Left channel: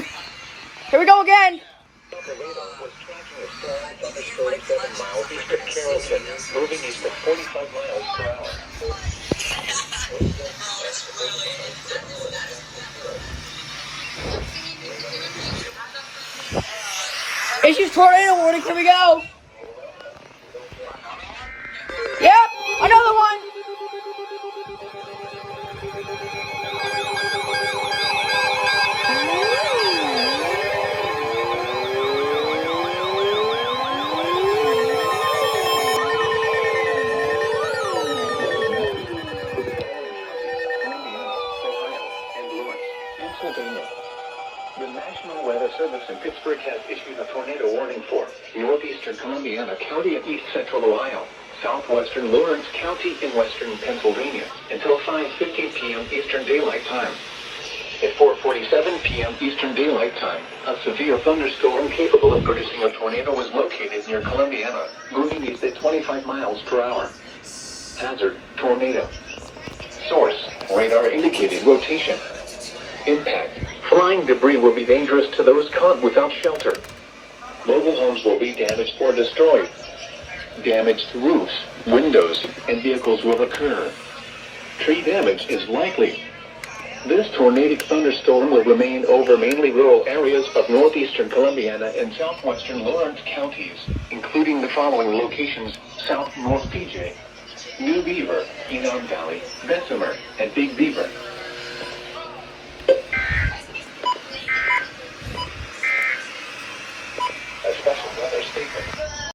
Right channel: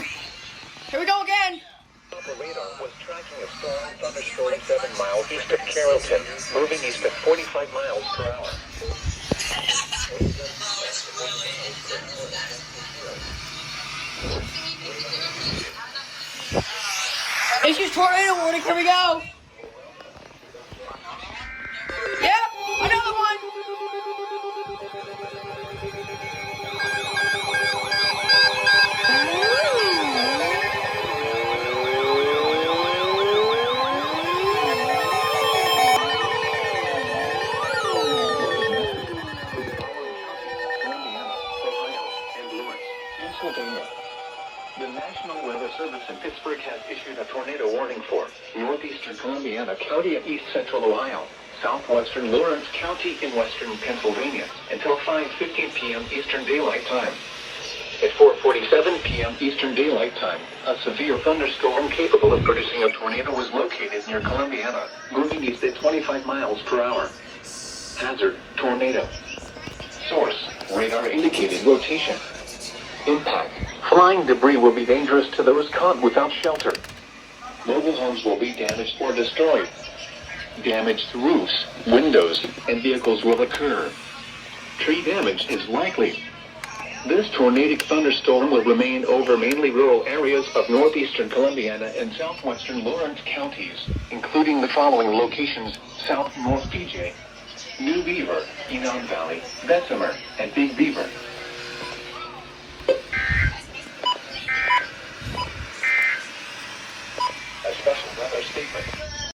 Here we go again. The radar was tracking a strong thunderstorm 7 miles east of Carrollton, moving east at 45 miles per hour. Issues tornado warning. Here we go. Yep, another one. The National Weather Service in Pittsburgh has issued a tornado warning for northeastern Columbiana County and east central Ohio, southwestern Lawrence County in western Pennsylvania until 5:15 p.m. Eastern Daylight Time. At 4:47 p.m. Eastern Daylight Time, a severe thunderstorm capable of producing a tornado was located near Columbiana, moving east at 25 miles per hour. Hazard: tornado. Source: radar indicated rotation. Impact: flying debris will be dangerous to those caught without shelter. Mobile homes will be damaged or destroyed. Damage to roofs, windows, and vehicles will occur. Tree damage is likely. This tornadic thunderstorm will remain over mainly rural areas of northeastern Columbiana and southwestern Lawrence counties, including the following locations: South North PJ, New Beaver, Enon Valley, Bessemer, and Big Beaver.